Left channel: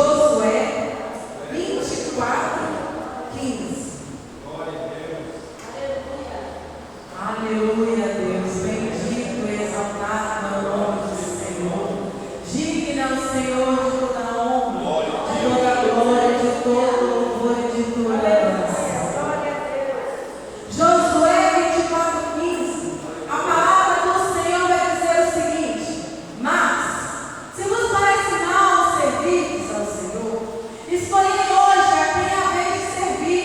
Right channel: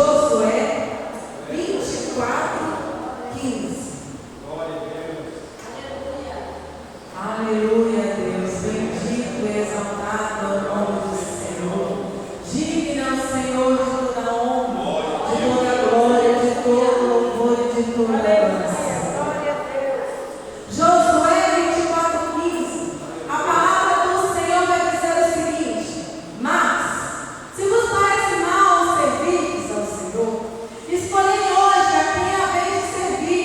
Josué 24:15. Aleluia, Deus. Bendito e exaltado é o nome do Senhor. Digno é o Senhor de toda honra, de toda glória, de todo louvor e de toda herança. Josué 24:15. A palavra do Senhor vai dizer o seguinte: mas, se vos parece mal servir ao Senhor, escolhei hoje a quem haveis de servir.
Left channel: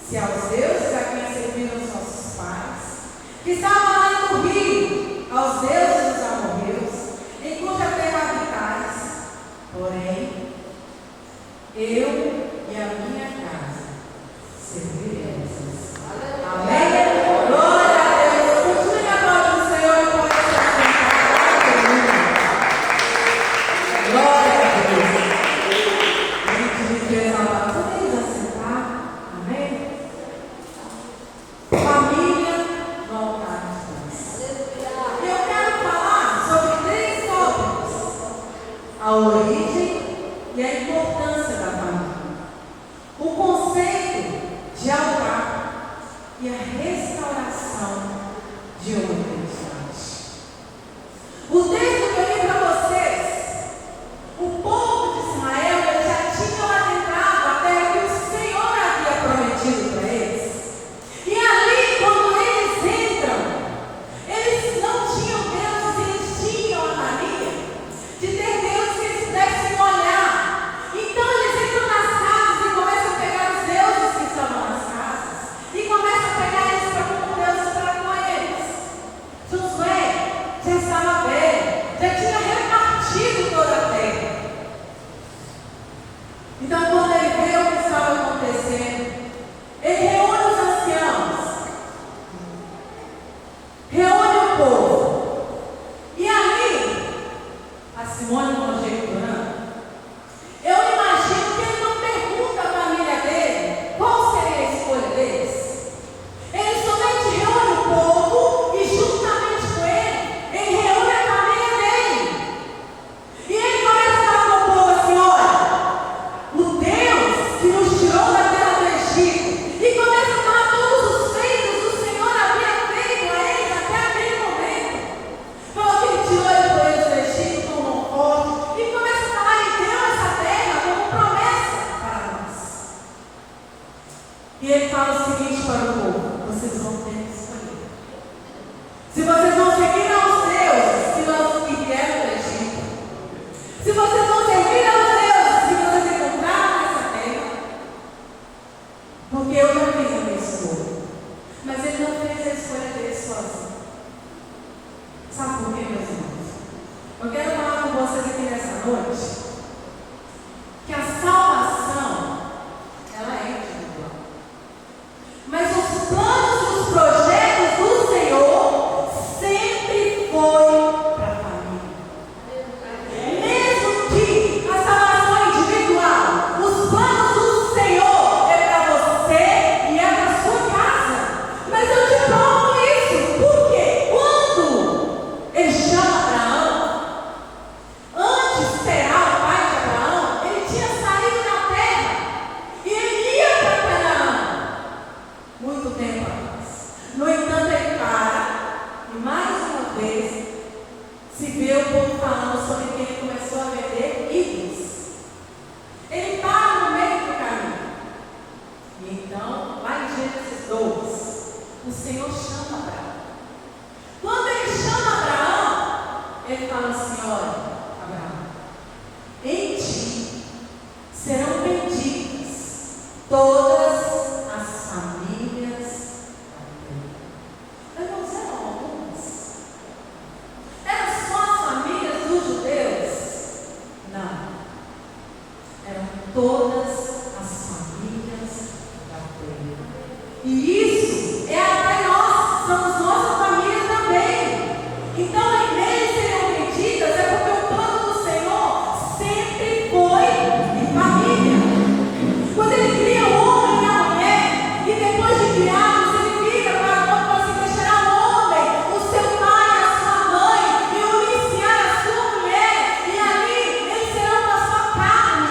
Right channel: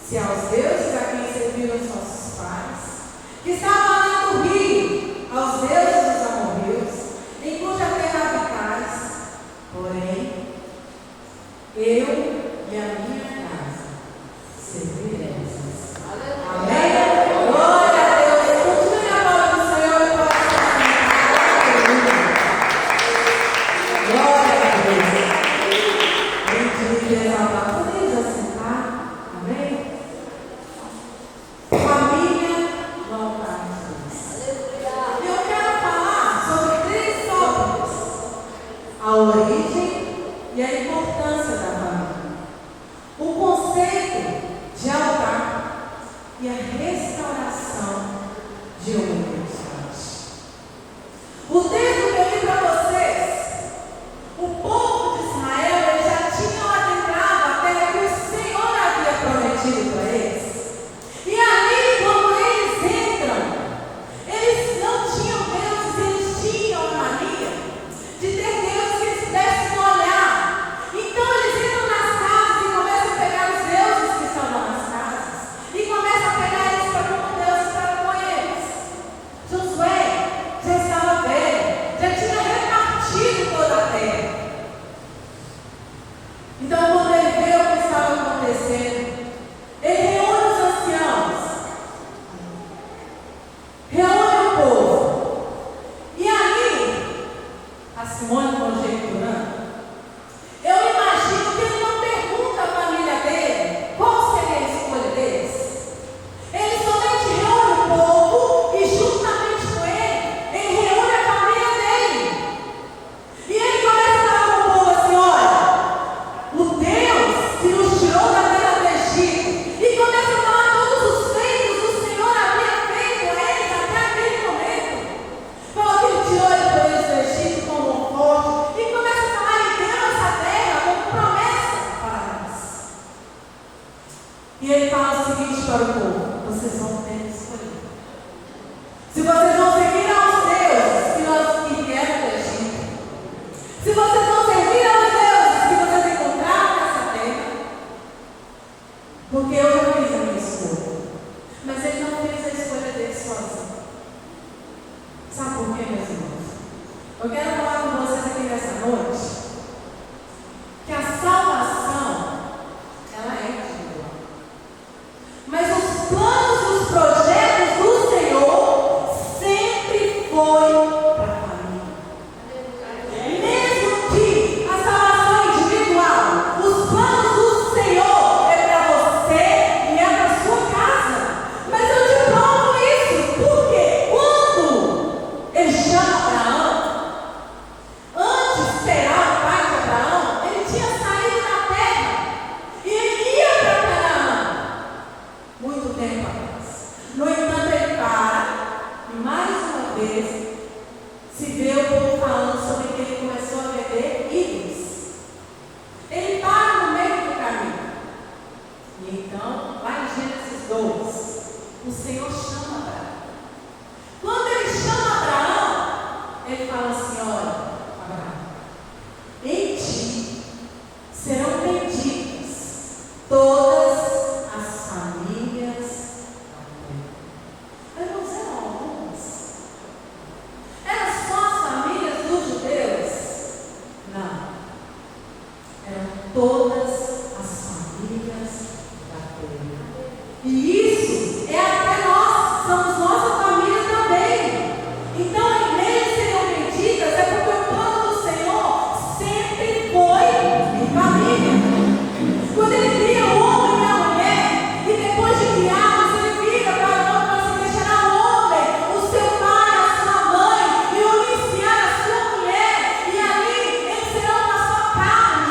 Se aos deuses a quem serviram os nossos pais, que estavam lá no rio, aos deuses dos amorreus, em cuja terra habitais. Porém, eu e a minha casa serviremos. Amém? Glória a Deus. Continue a glória do Senhor para ser. Glória a Deus. Bendito e exaltado. Podemos assentar? Amém? Família no altar de Deus. Eu quero falar sobre 3 tópicos: a origem e a importância da família, o conceito de altar e a restauração de obediência. O texto que eu li para vocês, o povo de Israel já tinham adentrado a terra que o Senhor havia prometido para eles. E ali, quando eles entram, eles não tinham deuses, eles tinham a mania de ter deuses que eles pudessem olhar. Então eles entram nas casas e começam a pegar os deuses que estão lá nas casas e começam a pegar eles para como deuses para com eles. Josué já estava velho, já tinha repartido toda a terra. Então, quando ele vê o que estava acontecendo, ele reúne os anciãos, reúne o povo. E ali, a Simone conjecturando, eu imagino que ele não pergunta à família dele qual seria a escolha deles. Ele somente reúne o povo e, juntamente com ele reúne a família dele. E ele começa a falar com o povo assim: olha, o Deus que nos tirou da terra do Egito, e começa a falar todos os feitos que o Senhor havia feito a eles até aquele momento. Falou que ele tirou eles do Egito com mão forte, e começa a falar: ele deu essa terra como promessa para nós. E ele fala o seguinte para o povo: vocês vão ter que escolher. Se vocês vão seguir aos deuses que vieram do Egito, se vocês vão servir aos deuses que vocês encontraram nessa terra, porque eu já fiz a minha escolha. Mas ele não fez a escolha dele sozinho. Sabe por quê, meus irmãos? Eu quero falar com vocês aqui nessa noite que a salvação, ela é individual. Mas os planos e os projetos do Senhor sempre foi para a família. Mesmo que a salvação é individual, os planos do Senhor é para você e é para a sua casa. Mas eu te provo isso, porque quando ele chama Abraão, antes de Terá, o pai de Abraão, ele tinha saído da terra e ele ia para Canaã muito tempo atrás. No entanto, ele para e mais uma vez se vê o povo falando sobre que ele começou a vender ídolos. Ele para no meio do caminho. E então, lá em Gênesis 2, o Senhor chama Abraão. Quando ele chama Abraão, ele fala assim: olha, Abraão, em ti serão benditas todas as famílias da terra. Irmãos, eram algumas? Eram só as famílias dos judeus? Não. Eram todas as famílias da terra. E isso é até nós, somos nossa família também. Então, igrejas seriam benditas é porque o plano do Senhor sempre foi em família. Quando ele cria o homem e a mulher, e depois de criados, ele vira para o homem e fala assim: deixará o homem, o seu pai, a sua mãe, e unir-se-á a sua mulher, e ali eles serão da sua carne.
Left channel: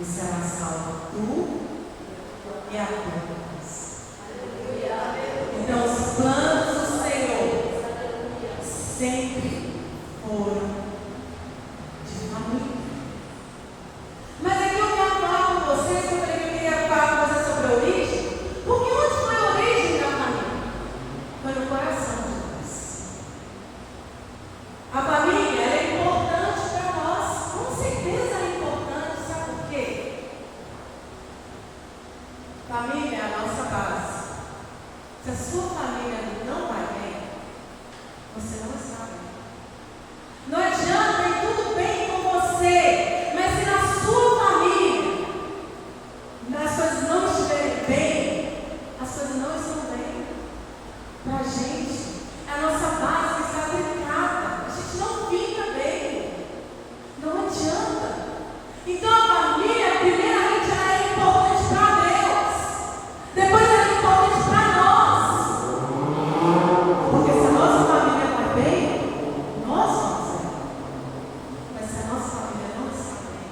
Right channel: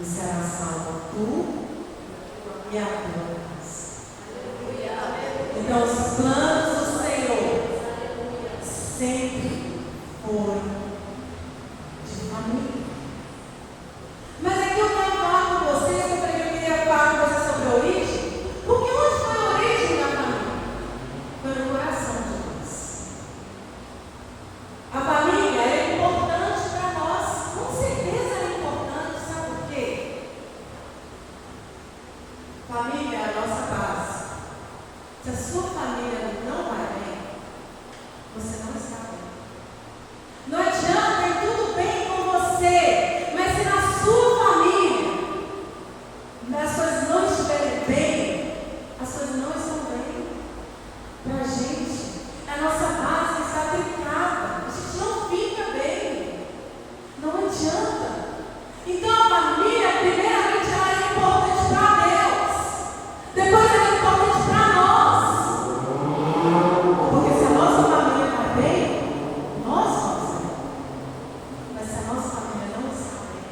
e será salva tu e a tua casa. Então, os planos do Senhor sempre foram de família. Mas aqui eu quero falar com vocês, eu queria falar com vocês sobre a origem, porque onde foi a origem da família? Foi no coração de Deus. A família é importante para nós, com certeza é importante, sabe por quê? Família é a nossa base. Se a sua família não vai bem, você não está bem. Não adianta ir tudo bem com você, mas se na sua família as coisas não estiverem bem, as coisas não estão bem. Para a gente, a nossa base está trincada, a gente não fica bem, não adianta. Então a família, primeiramente, ela é importante para Deus, depois ela é importante para nós, porque se a nossa família vai bem, nós vamos bem. Mas se a nossa família não está bem,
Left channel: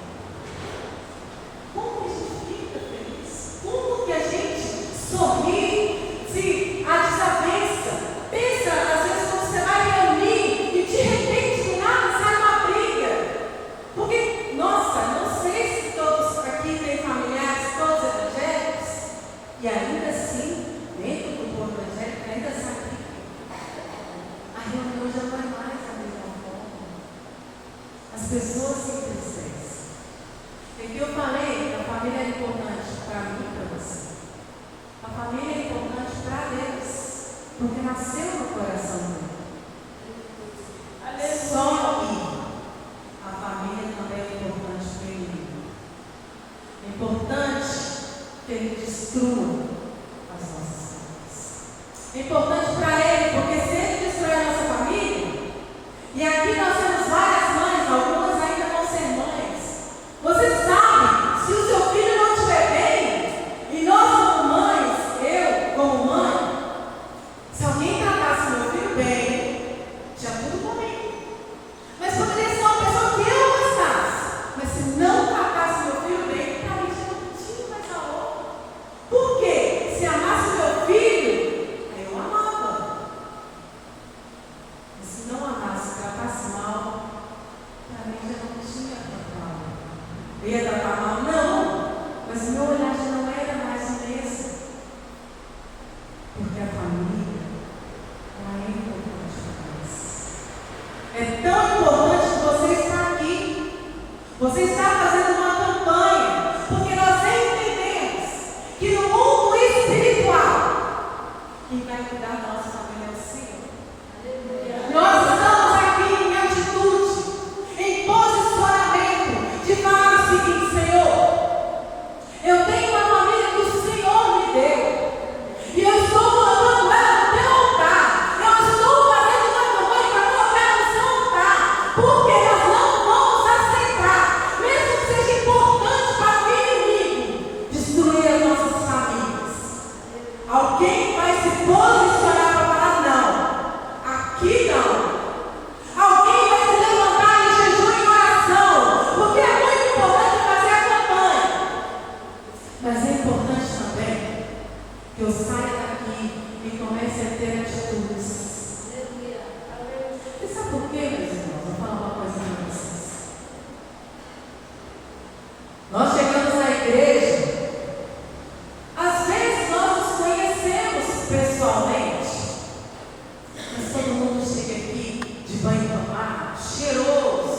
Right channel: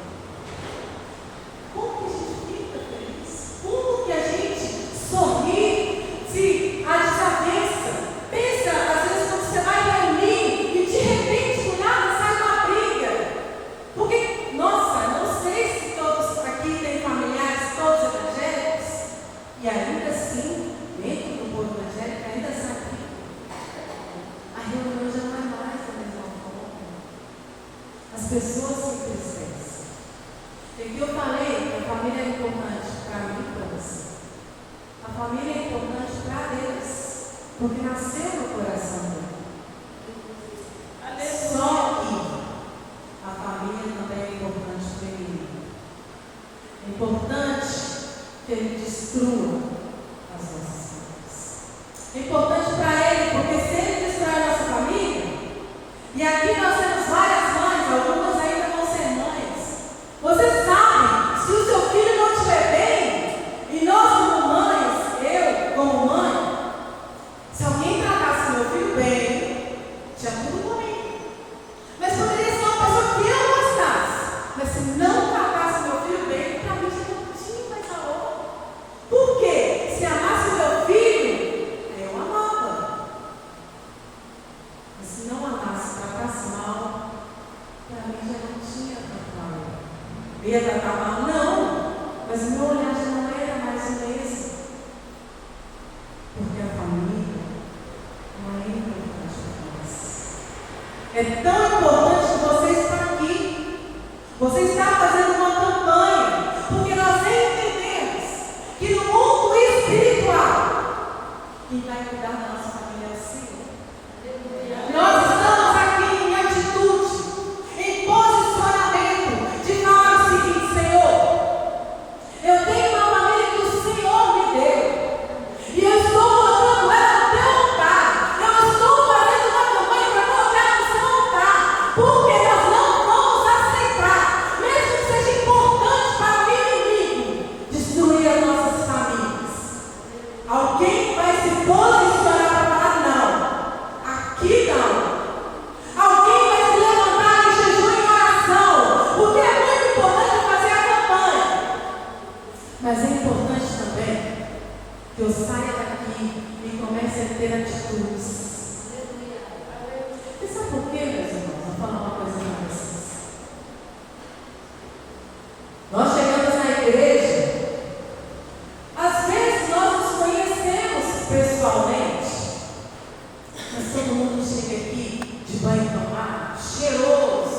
como que a gente fica feliz? Como que a gente sorri se a desavença? Pensa, às vezes, quando você vai reunir e de repente, do nada, sai uma briga. Porque, nossa, não sei se todos aqui têm familiares, todos evangélicos, e ainda assim, dentro do povo evangélico, ainda sai briga. A reunião já não é mais da mesma forma. As pessoas se entristecem. E que eu falei, a família é importante para mim e para você. A família é importante para Deus, porque nasceu no coração dele. Só que a família também é importante para ele. É importante que ele destrua as nossas famílias. É importante para ele, porque se ele destruir a nossa família, e aqui nós temos várias mães, algumas ainda vão ser mães. Você sabe, se o seu filho não estiver bem, e nós como mães, eu como mãe, se alguém tratasse meu filho bem, tinha tudo comigo. Mas poderia ser uma pessoa que eu gostasse. Mas se não tratasse meu filho bem, para mim já não tinha mais valor. Por quê? Se amasse meu filho, eu amava. Mas se não amasse, tratasse mal, para mim já não tinha tanto valor. Eu ia tratar mal? Não. Mas o meu olhar já não era mais o mesmo. Porque a família, ela é importante para nós. É tão importante que você está aqui. Você está fazendo uma campanha. Porque nós entendemos que no mundo espiritual, quem vai cuidar da nossa família é o Senhor. Nós estamos aqui em atitude, em posicionamento, de falar o seguinte: Senhor, eu tenho uma família que o Senhor me deu. E eu estou colocando ela no teu altar. Eu estou fazendo uma campanha para colocar ela no seu altar. Porque nós não vamos aceitar, mesmo que seja importante para o inimigo, destruir as nossas famílias. Alguém vai se posicionar para falar: não, aqui não. Alguém vai se levantar em jejum e oração, porque é muito importante fazer a campanha. Mas é importante também que eu saia daqui e comece a ter atitudes. E sabe por quê, meus irmãos? Vou falar uma coisa para vocês. Nós chegamos na igreja, às vezes nós nos conhecemos pessoalmente, mas todo mundo chega aqui de banho tomado, cheiroso.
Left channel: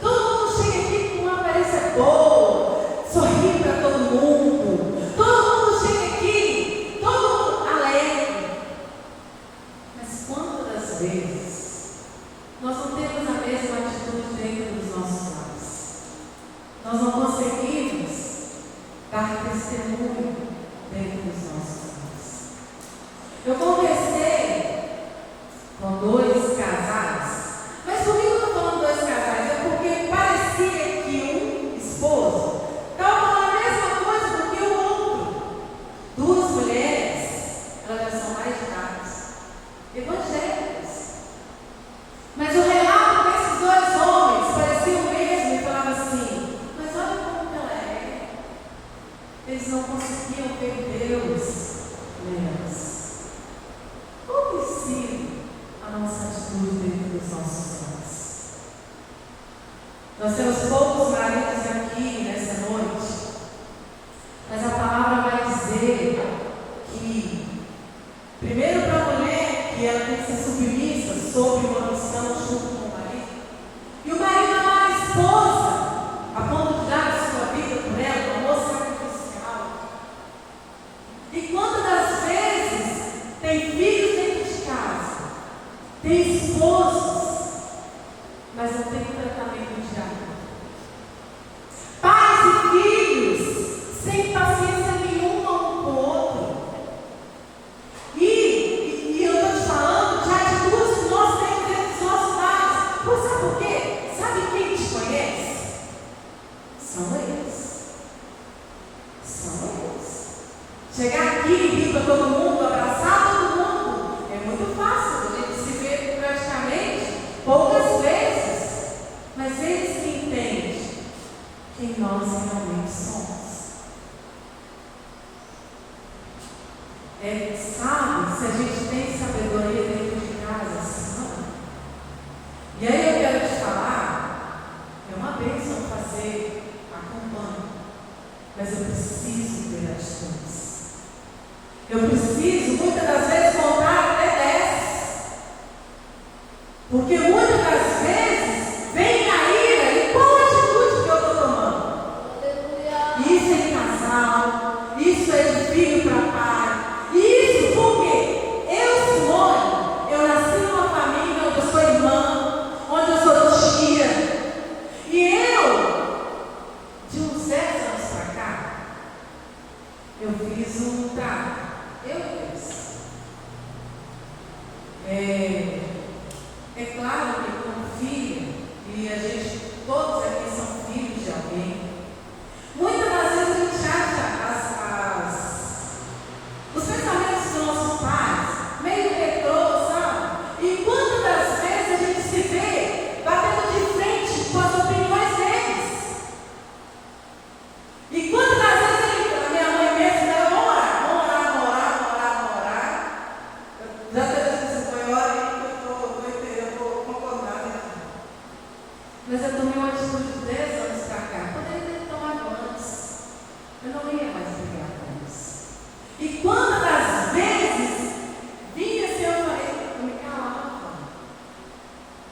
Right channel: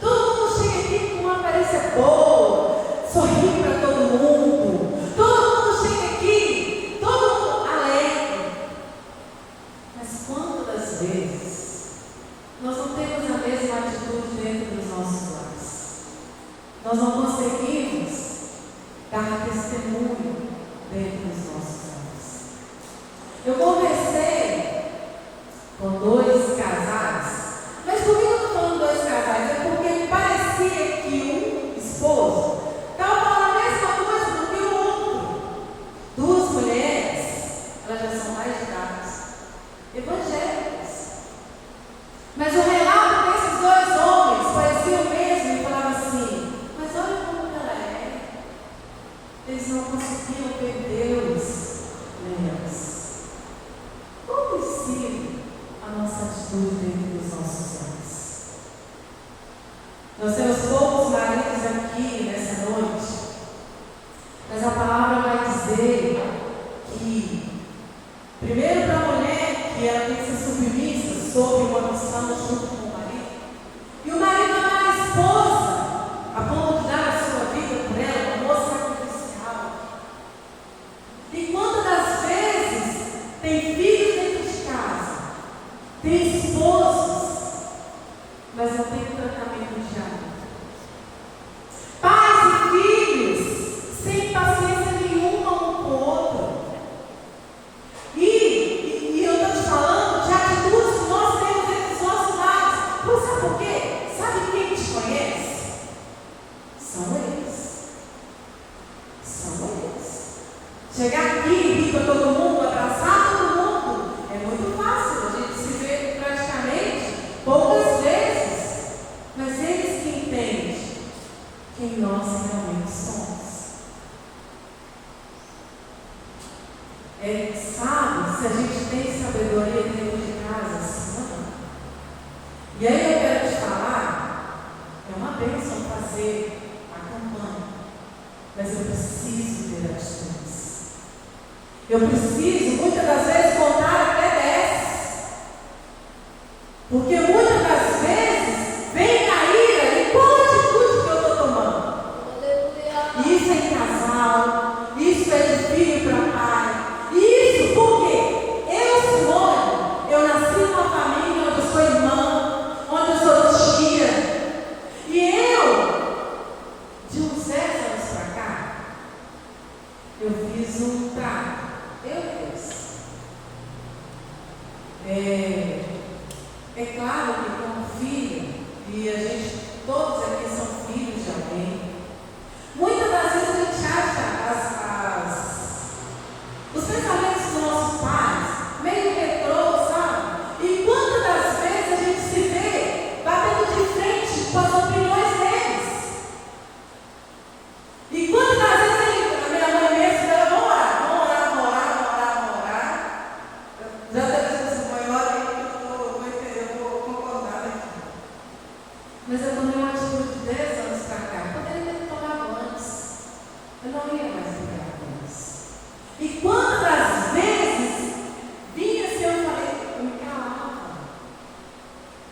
Todo mundo chega aqui com uma aparência boa, sorrindo para todo mundo. Todo mundo chega aqui, todo mundo alegre. Mas quantas vezes nós não temos a mesma atitude dentro dos nossos lares? Nós não conseguimos dar testemunho dentro dos nossos lares. Eu conversei com 2 casais, mas comigo eu não estou falando 2 casais, é porque parecia que um esposo estava falando a mesma coisa do que o outro. 2 mulheres, elas já são mais de idade, evangélicas. Mas o relato desses 2 homens parecia o mesmo e falava assim: mas olha como ela é. Primeiro para a mulher, que ela tem que ser submissa sobre uma missão junto com o marido. E o marido amar a esposa, a ponto de dar a sua vida por ela, um amor sacrificial. E quantas das vezes tem filhos dentro de casa, tem esposos, mas não tem tratamento de amor. Pais e filhos sem paciência nenhuma um com o outro. E eu estou te falando de atitudes que nós temos dentro dos nossos lares. Pois sabe por quê? Sabe quem te conhece? São eles. São eles. Chegar aqui e rir para todo mundo, abraçar todo mundo, é muito fácil. A gente se vê praticamente poucas vezes. Mas eles que entendem quem nós realmente somos. Sabe, se a gente tem sabedoria dentro de casa, assim, não. E aí eu quero te falar, é uma bênção fazer a campanha, mas eu preciso ter atitudes. Eu preciso, muitas das vezes, contar até 10. Porque muitas das vezes vem a ira e qual a atitude que eu estou tomando? Isso é em casal, isso é de filho para pai. Isso porque eu, Simone, eu nasci numa família onde eu sou irmã, onde eu sou tia. E eu, de uns 10 anos para cá, eu fiz um trato. Eu fiz. É claro que como filha, e a gente, todos aqui são filhos de alguém, muitas das vezes a gente acha os pensamentos dos nossos pais meio retrô, sabe? E quantas das vezes a gente se vê batendo de frente com as opiniões deles? E quantas das vezes a minha mãe mesmo, ela vamos orar. Já teve essa maior e eu vou concordar aqui. Mas eu tomei uma atitude de 10 anos para cá. Poderia ter tomado antes. Eu não ia mais brigar com isso. E quantas das vezes vinha assim, eu me calava.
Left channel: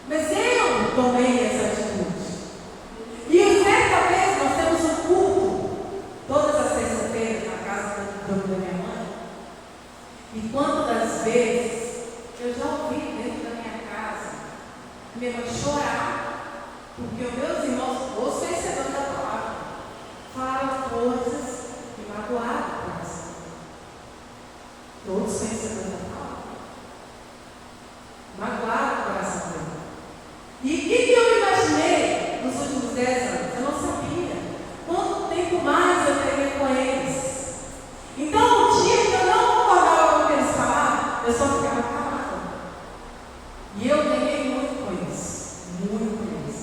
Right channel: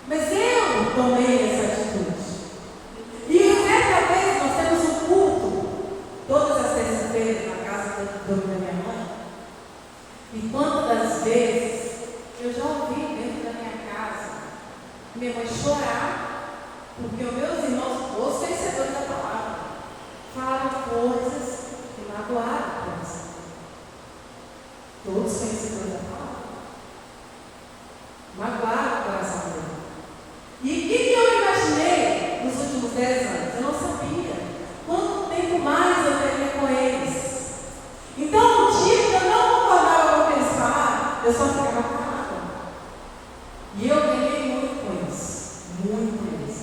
Mas eu tomei essa atitude. E certa vez nós temos um culto, todas as terças-feiras, na casa da minha mãe. E quantas das vezes eu já ouvi dentro da minha casa minha mãe chorar, porque os meus irmãos, os conhecedores da palavra, falaram coisas que magoaram o coração. Todos conhecedores da palavra. Magoaram o coração dele. E o que eu imaginei nos últimos 10 anos? Eu não sabia quanto tempo mais eu teria com eles. Então, um dia que eu não concordava com o que eles falavam, eu só ficava calada. E eu ganhei muito com eles. Muito com eles.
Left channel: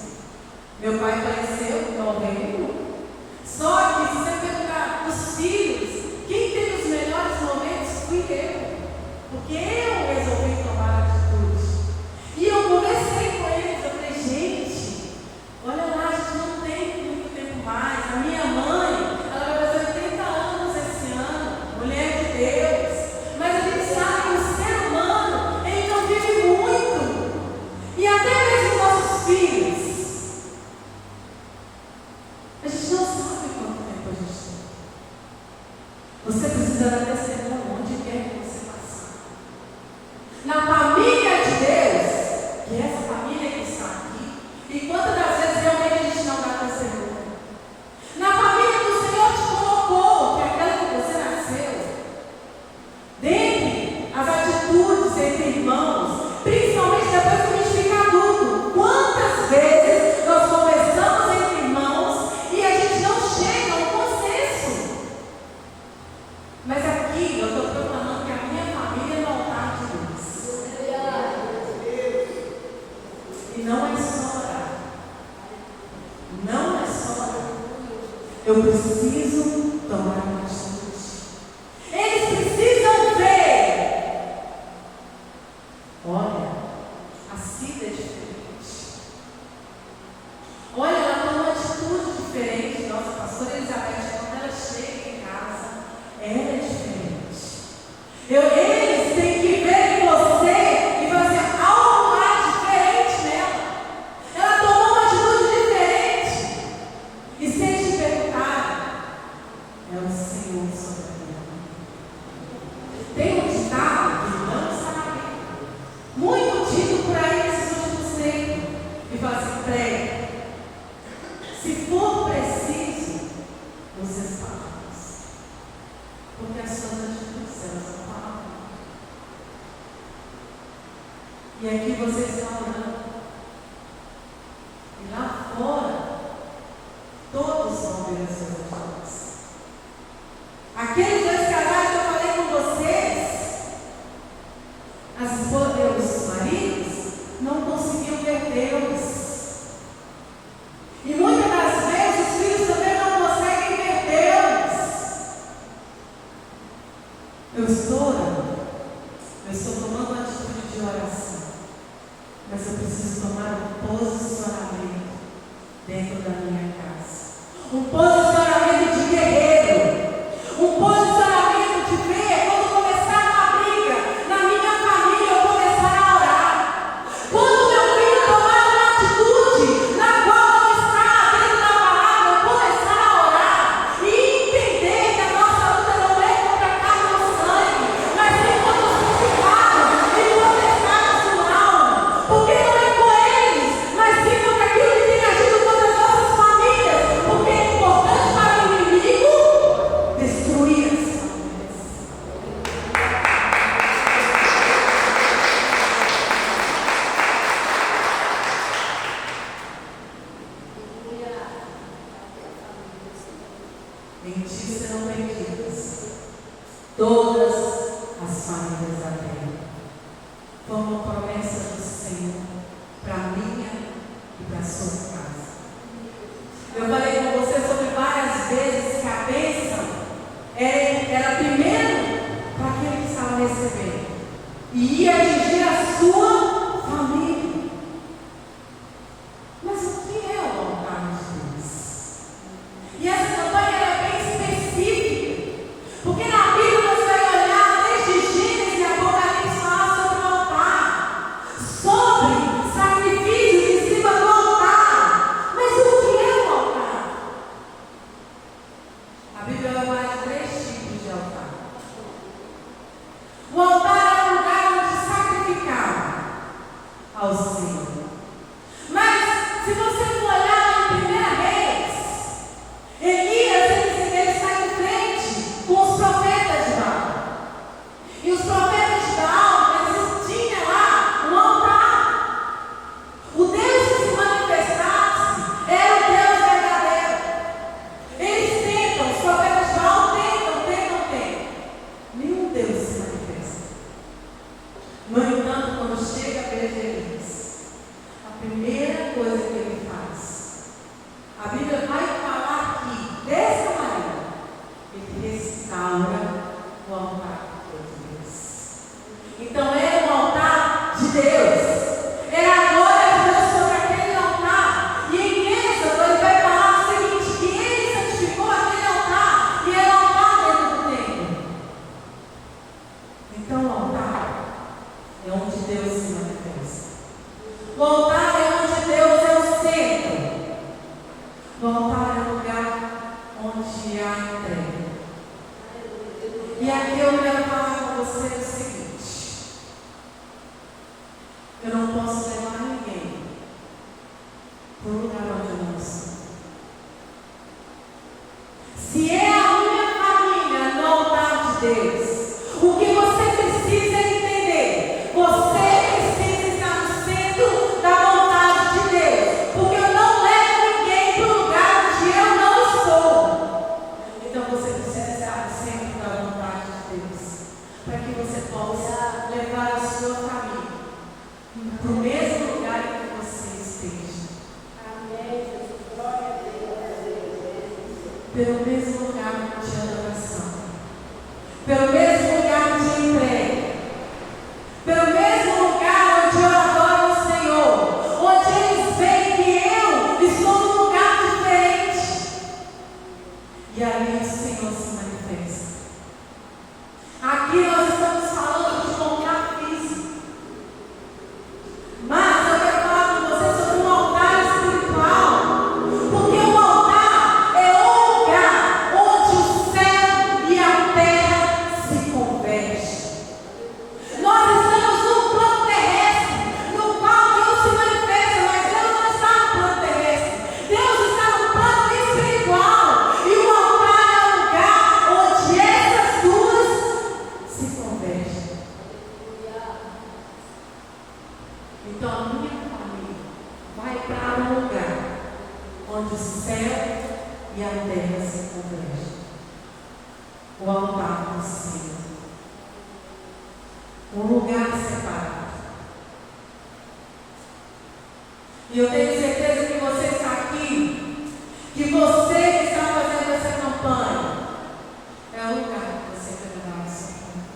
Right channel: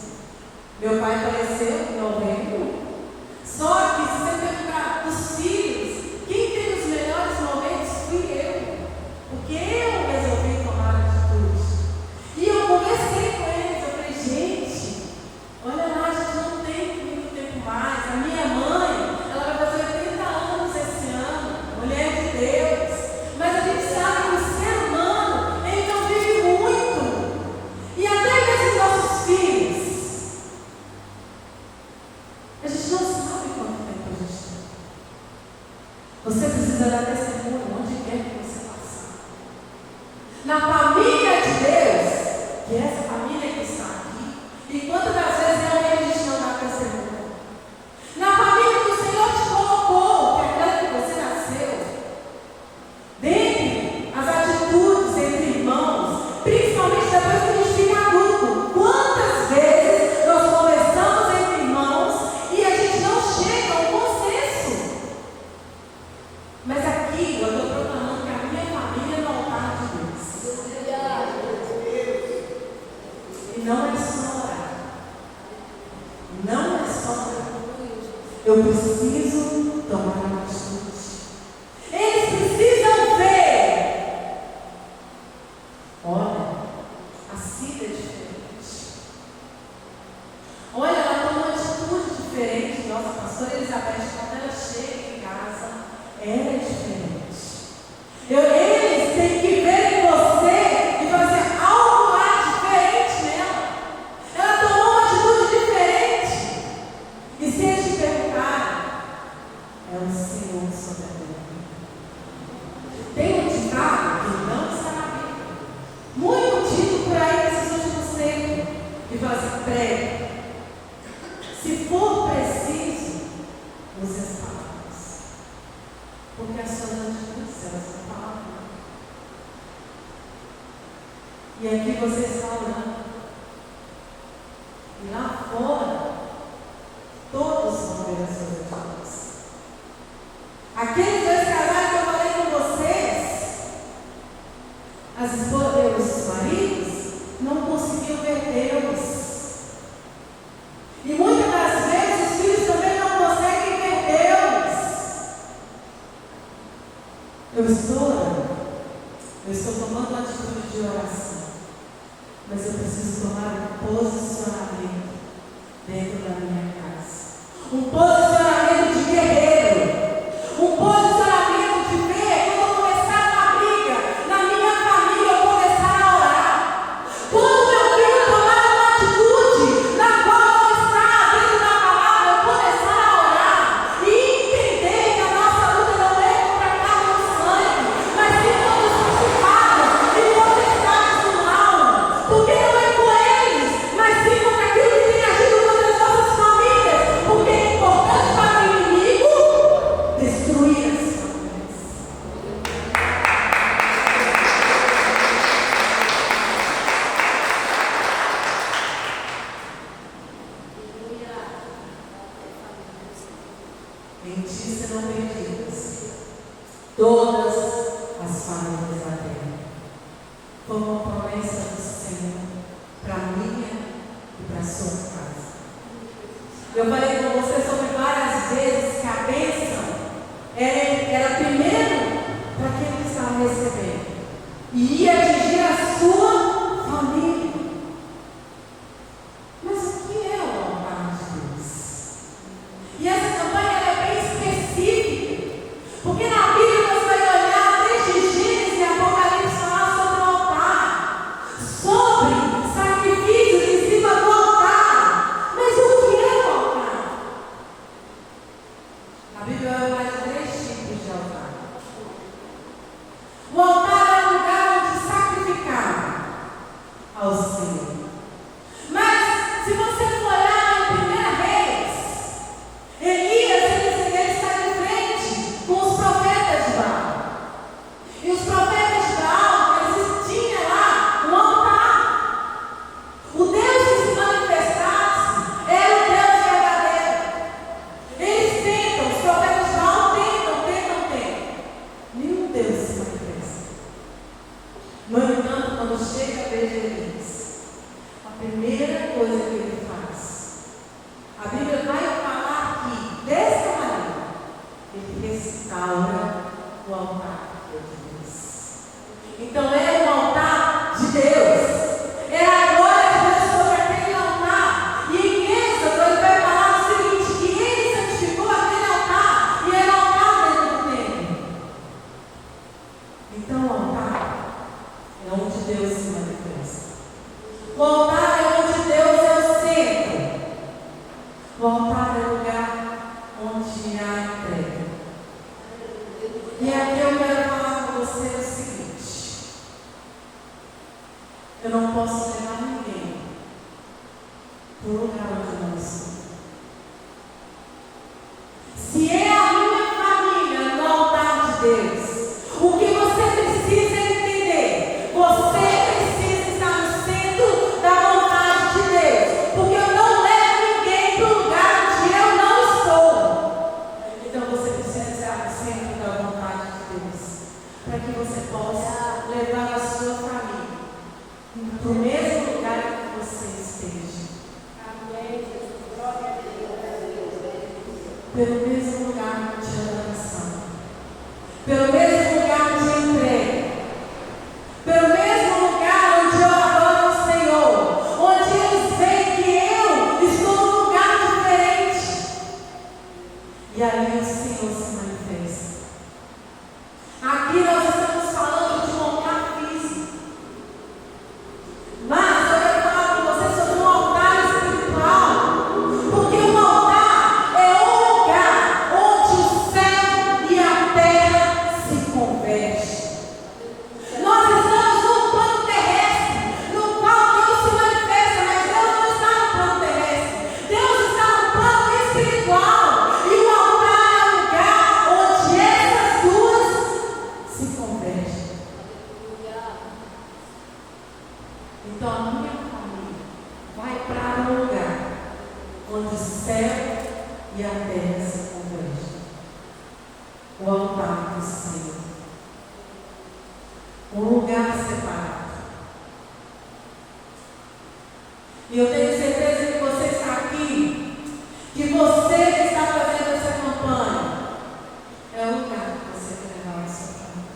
Meu pai faleceu em 91. Só que, se você perguntar dos filhos, quem teve os melhores momentos fui eu. Porque eu resolvi tomar atitude. E eu conversei com eles. Eu falei, gente, olha lá, a gente não tem muito tempo mais. A minha mãe, ela vai fazer 80 anos esse ano. Mulher de Deus. Mas a gente sabe que o ser humano, ele não vive muito. E até mesmo nossos filhos. A gente não sabe quanto tempo a gente tem. Você precisa dar testemunho onde quer que você passar. Na família de Deus, que é essa família que está aqui, e quantas das vezes realmente a gente não dá testemunho? Na família que o Senhor te colocou, que é aquela que você nasceu, dentre as atitudes entre irmãos, principalmente depois que a gente fica adulto, quantas vezes nós conversamos entre irmãos e a gente não chega a um consenso? Mas aqui eu estou proclamando que a minha família é no altar de Deus. E não é só orar. Não é só orar. Eu preciso tomar uma atitude. Eles precisam ver. Olha, a Cida é diferente. Olha, ela toma uma atitude diferente. Nossa, a pastora Elizabeth, quando ela chega em casa, ela é diferente. Eles têm que prega. Se for preciso, use as palavras. Porque as suas atitudes, elas são palavras. E aqui você está orando. E lá fora, todos vão ver as suas atitudes. Aqueles dois casais que eu falei com vocês, os maridos não conseguiam ver Deus. E muitas das vezes os filhos também não conseguem ver Deus. Eu estou tomando uma atitude de oração, mas eu preciso tomar um posicionamento dentro da minha casa. Um posicionamento de guerreiro. Um posicionamento de ver quando começar uma briga na minha família, eu começar a orar. Quando meu filho tomar uma atitude na qual não está dentro da palavra, eu começar a orar e entender que a nossa luta não é contra a carne ou sangue, mas sim contra os principados e potestades do mal. Porque não é com eles, mas sim contra aquilo que tem agido contra as nossas famílias. Porque é importante para o inimigo destruir as famílias. Em ti serão perdidas todas as famílias da terra. Como promessa do Senhor para a minha e para a sua casa. Eu falei com você sobre várias vezes que a bênção era primeiro para aquele que estava recebendo e ia atingir a sua família. Mas o que é o altar de Deus? E essa campanha ela é bem específica, porque na Bíblia você vai olhar desde Gênesis e Apocalipse falar sobre o altar, sobre sacrifícios em cima do altar. Mas o que é o altar? A Bíblia vai falar de 3 tipos de altar. O altar é um lugar onde sacrificar ao Senhor. Mas se você for olhar lá em 1 Reis, Elias ele sai em frente com os profetas de Baal. E os profetas de Baal, eles tinham lá um altar. O Deus que se manifestasse era o Deus verdadeiro. Eles tentam, os profetas de Baal tentam. Nenhum Deus se manifesta. No entanto, quando chega a vez de Elias, a primeira coisa que ele faz, a Bíblia vai falar que, dessa maneira, ele restaura o altar de Deus. Então era o altar de Deus. Era a glória de Deus sobre aquele altar. E em Êxodo ele vai falar o seguinte, que ele santificou aquele altar e era o altar dentro do templo. Então o altar é onde Deus se manifesta. O altar é onde Deus é o centro. O altar é o lugar onde há entrega. E aqui eu quero falar com você o seguinte: eu não posso levar ninguém para o lugar onde eu não estou. Se é a minha família no altar de Deus, o que você precisa entender? Você precisa estar no centro da vontade de Deus. Porque eu não levo ninguém para o lugar onde eu não estou. Então você precisa estar no centro da vontade de Deus. Para que você possa levar a sua família para o mesmo lugar que você esteja. Então a minha família vai para um lugar onde o céu e a terra se convergem. O altar do Senhor. Um lugar separado. E eu tenho certeza que você está aqui, que você que está fazendo essa campanha, é o lugar que você vai levar a sua família.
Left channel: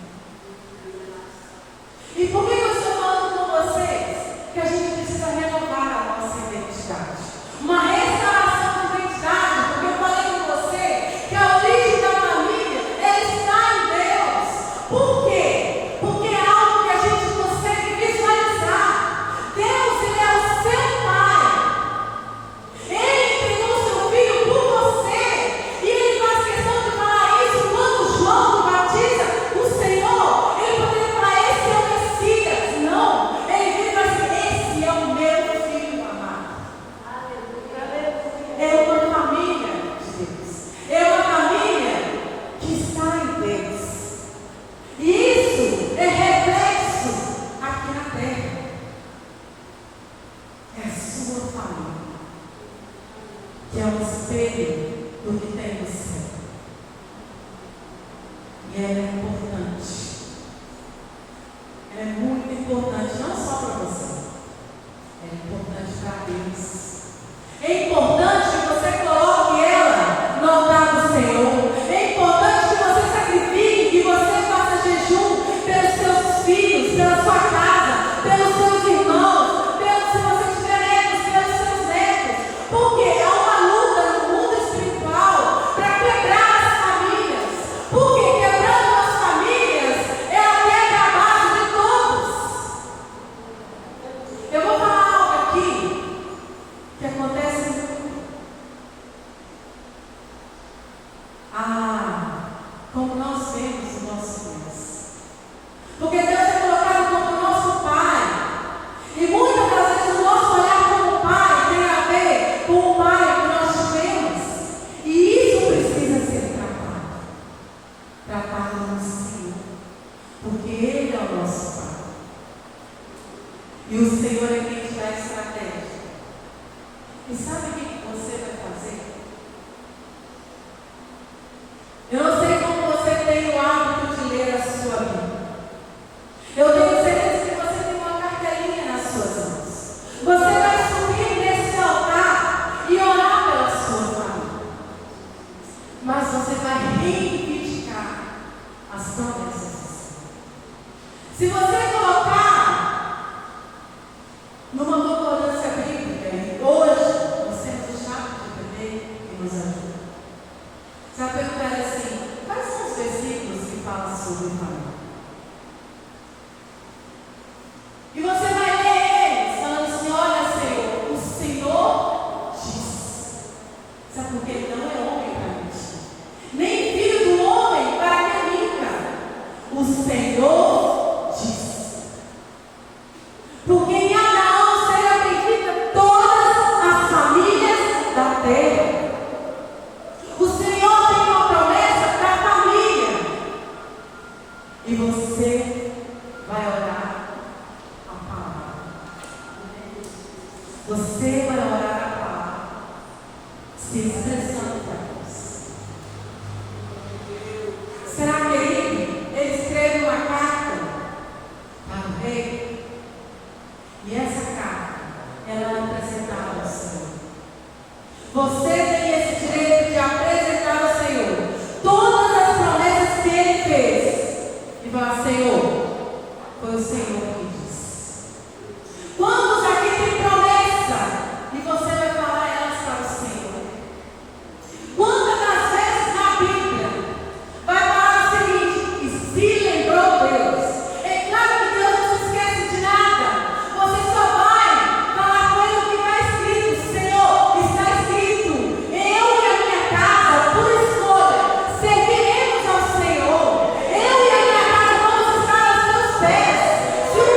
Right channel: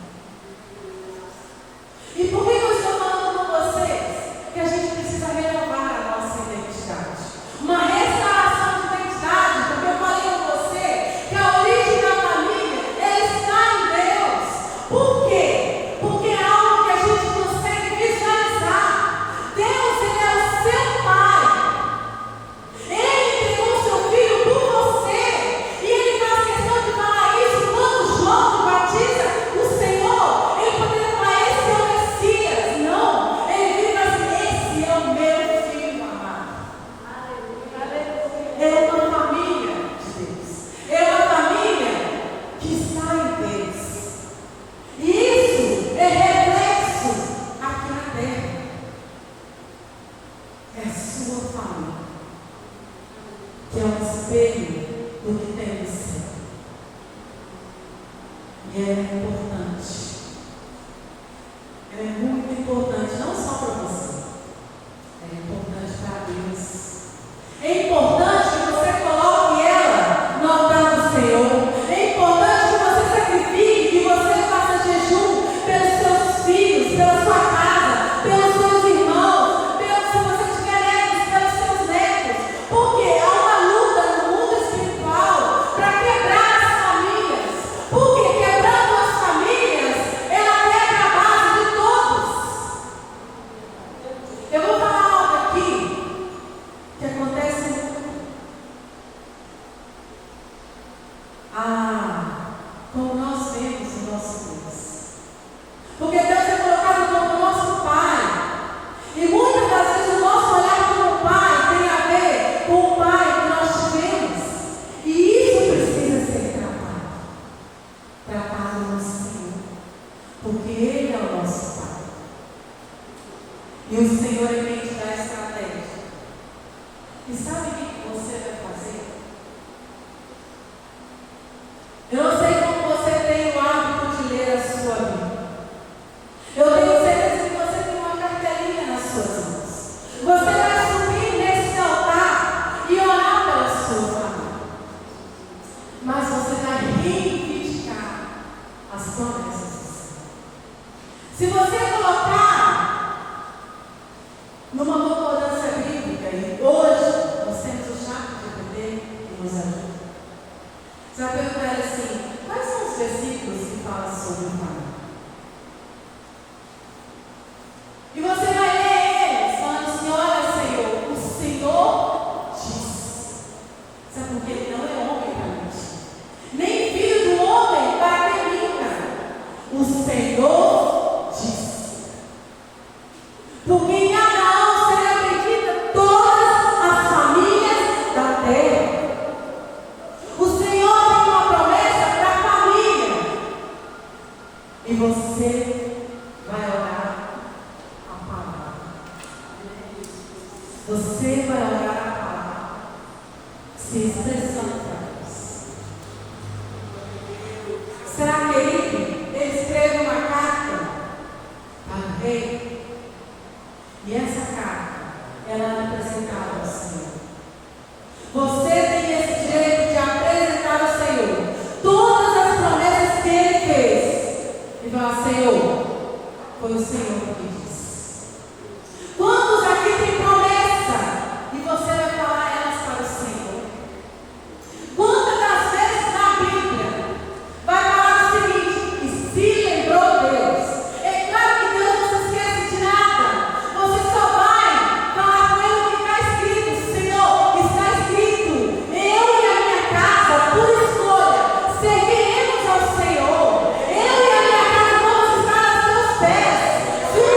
E por que eu estou falando com vocês? Que a gente precisa renovar a nossa identidade. Uma restauração de identidade, porque eu falei com você que a origem da família, ela está em Deus. Por quê? Porque é algo que a gente consegue visualizar. Deus, Ele é o seu Pai. Ele entregou o seu Filho por você. E Ele faz questão de falar isso quando João batiza o Senhor. Ele poderia falar, esse é o Messias. Não. Ele vira assim, esse é o meu Filho amado. É uma família de Deus. É uma família que está em Deus. E isso é reflexo aqui na terra. É a sua família, que é um espelho do que tem no céu. E é importante. É muito importante, não só para você. É importante para Deus. É importante que você coloque ela no altar do Senhor. É importante que você sacrifique, que você faça jejum pelos seus filhos, pela sua casa, pelos seus irmãos, se você tiver netos, pelos seus netos. Porque há uma luta no mundo espiritual para quebrar as famílias. Porque quebrando as famílias, ela quebra a base de todos. Eu vou falar algo aqui que acontece muito. Como nós vemos o nosso Deus. Porque Deus é colocado como nosso Pai. E muitas das vezes o nosso olhar como Pai tem a ver com o Pai que nós tivemos. E isso precisa ser tratado. Tratado no Senhor. Porque Ele é o nosso Pai. E o Senhor é quem te dá a estratégia. E sabe o que você vai fazer? Eu não sei como você tem o hábito de ler a sua Bíblia. Eu tenho certeza que você tem uma cartelinha nas suas mãos. Você vai subir nesse altar e orar pela sua família. Mas você vai reivindicar as promessas do Senhor. Se você colocar numa concordância bíblica, e hoje nós temos o chat de bebê que nos ajuda. Você vai perguntar assim, quais são os versículos que falam sobre o Pai? E você vai ler eles, falando assim, olha Senhor, o Senhor diz. Sabe por quê? Ele não é homem para mentir, nem filho do homem para que minta. O Senhor diz. Porque em Abraão será bendita todas as famílias da terra. O Senhor tem uma promessa para a família. E você vai orar a palavra. Você vai orar a palavra, se expressando para Deus. Será que ele escreve uma carta para o rei? E essa carta, ela é apresentada ao Senhor. Você tem esse direito de apresentar ao Senhor todas as promessas que Ele fez. E falar, Senhor, foi o Senhor que disse. Quantos aqui têm promessa? E você vai falar elas para o Senhor. Quantas das vezes na Bíblia vai falar o seguinte, e se lembrou Deus? É claro que Deus não se esquece de nada. Você só vai falar com Ele o que está escrito. Senhor, está escrito, eu e a minha casa, por escolha, serviremos ao Senhor. Eu e a minha casa vamos estar aos teus pés. Se o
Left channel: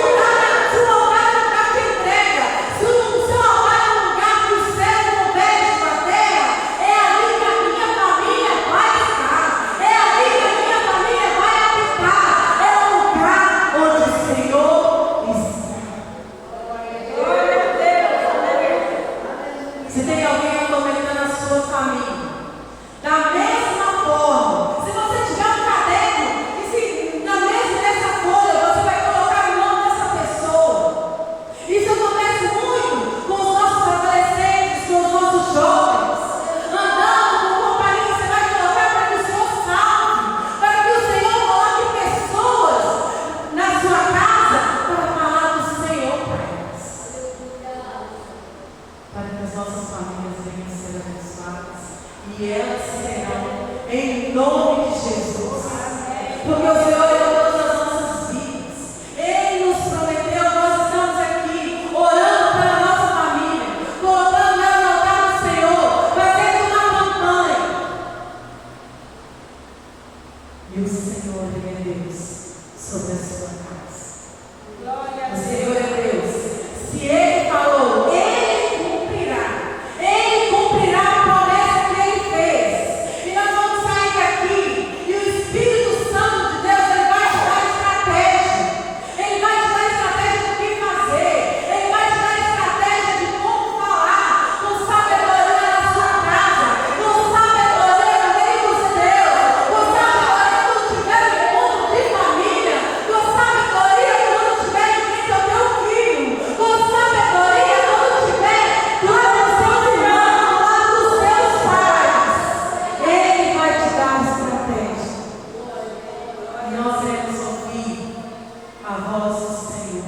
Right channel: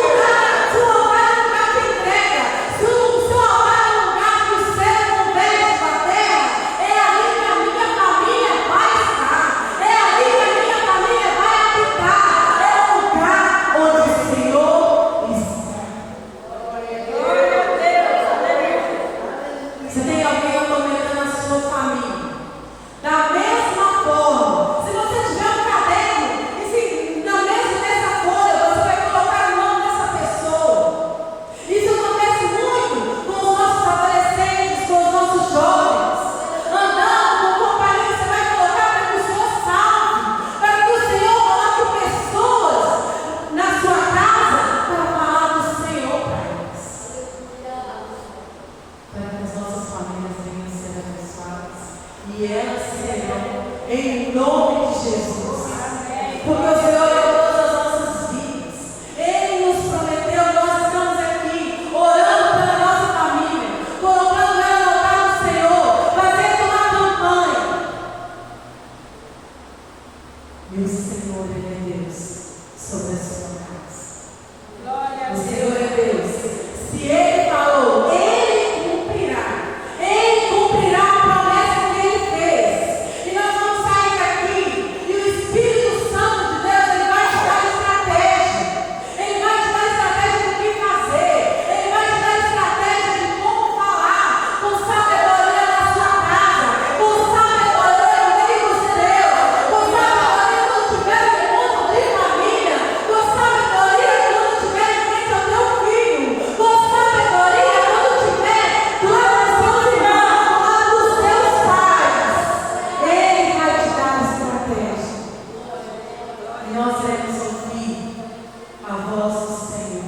a voz do Senhor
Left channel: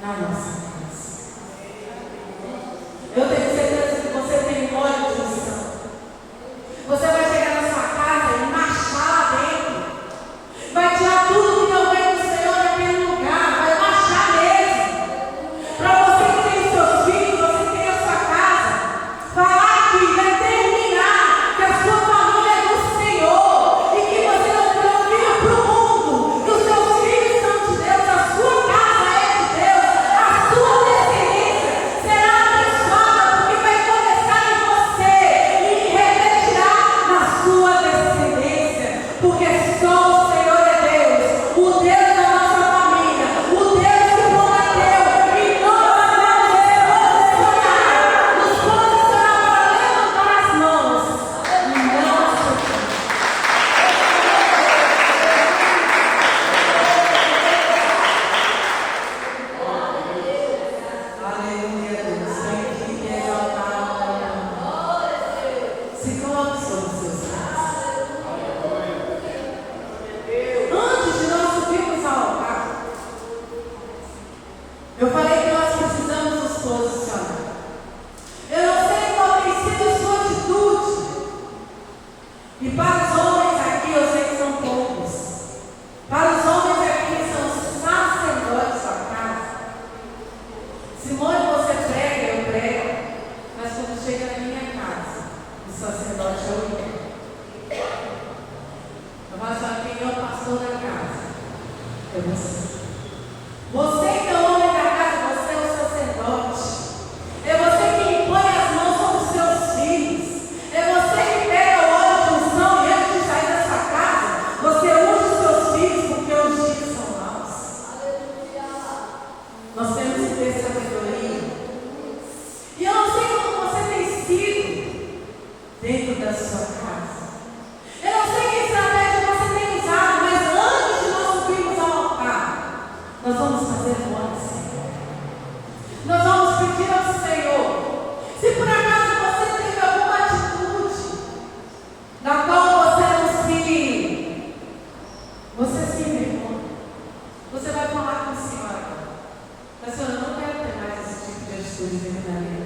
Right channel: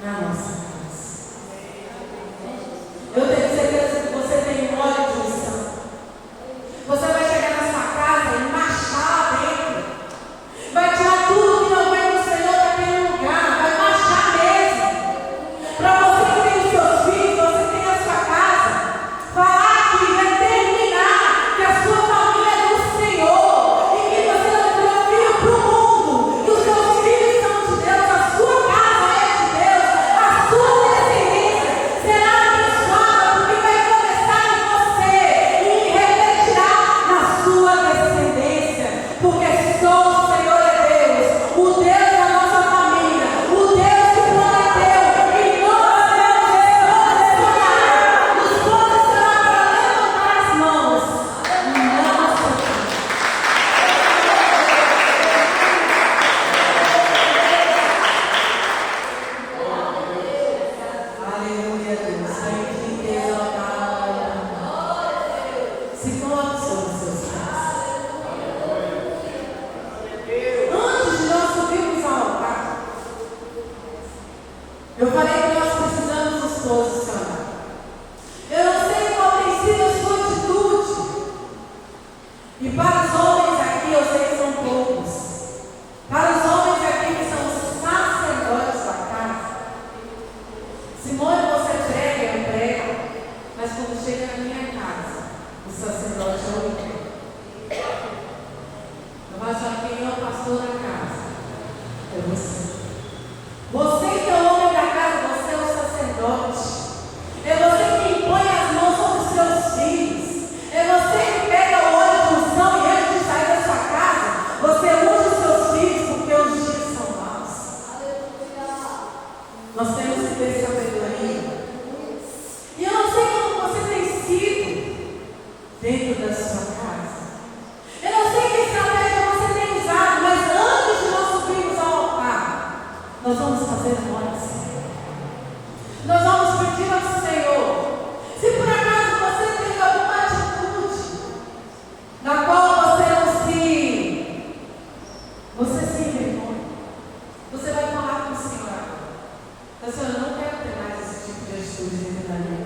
na nossa casa. Eu tenho certeza que você tem um óleo de unção. Você vai chegar na sua casa e marchar lá dentro. Vai tirar tudo que não vem do Senhor daquele lugar. Vai marchar mesmo. Para você que tem os seus filhos, você que tem a sua casa, falar que determinar que a sua família é do Senhor. E que você não tem filho para o mundo. Que os seus filhos são de Deus. A sua casa é de Deus. A sua descendência será abençoada. Porque vai começar em você e refletirá na sua descendência. Porque só o Senhor é Deus. O Deus da nossa família. O Deus que prometeu. E nós vamos nos posicionar para levantar as mãos. E não socar. Aleluia, Deus. Sangue de exaltar. Se coloque sobre os seus pés. Antes de nós subirmos ao altar, eu falei que nós precisamos nos posicionar. Eu não sei qual tem sido a sua atitude. E para os homens aqui, eu sei que são poucos. Para os homens aqui, que são os sacerdotes da casa. Simone, você prega, eu prego. Mas quando chega na minha casa, o sacerdote é o Miguel. Eu falo assim, quem é o pastor da casa? É você. Você que é o homem da casa, você é o sacerdote. É você que impõe as mãos sobre os seus filhos. É você que pega o óleo de unção e antes de sair da sua casa, você unge os seus filhos porque os dias são maus. Nós temos que ter sabedoria. E eu não sei como você tem sido dentro da sua casa. Eu não sei que estratégia você tem usado, mas antes de nós subirmos ao altar, nós vamos fazer oração. Nós vamos pedir ao Senhor. Se por acaso você tem alguma atitude na qual você se envergonha, você vai falar com o Senhor. Mas eu não quero ter mais esse tipo de atitude dentro da minha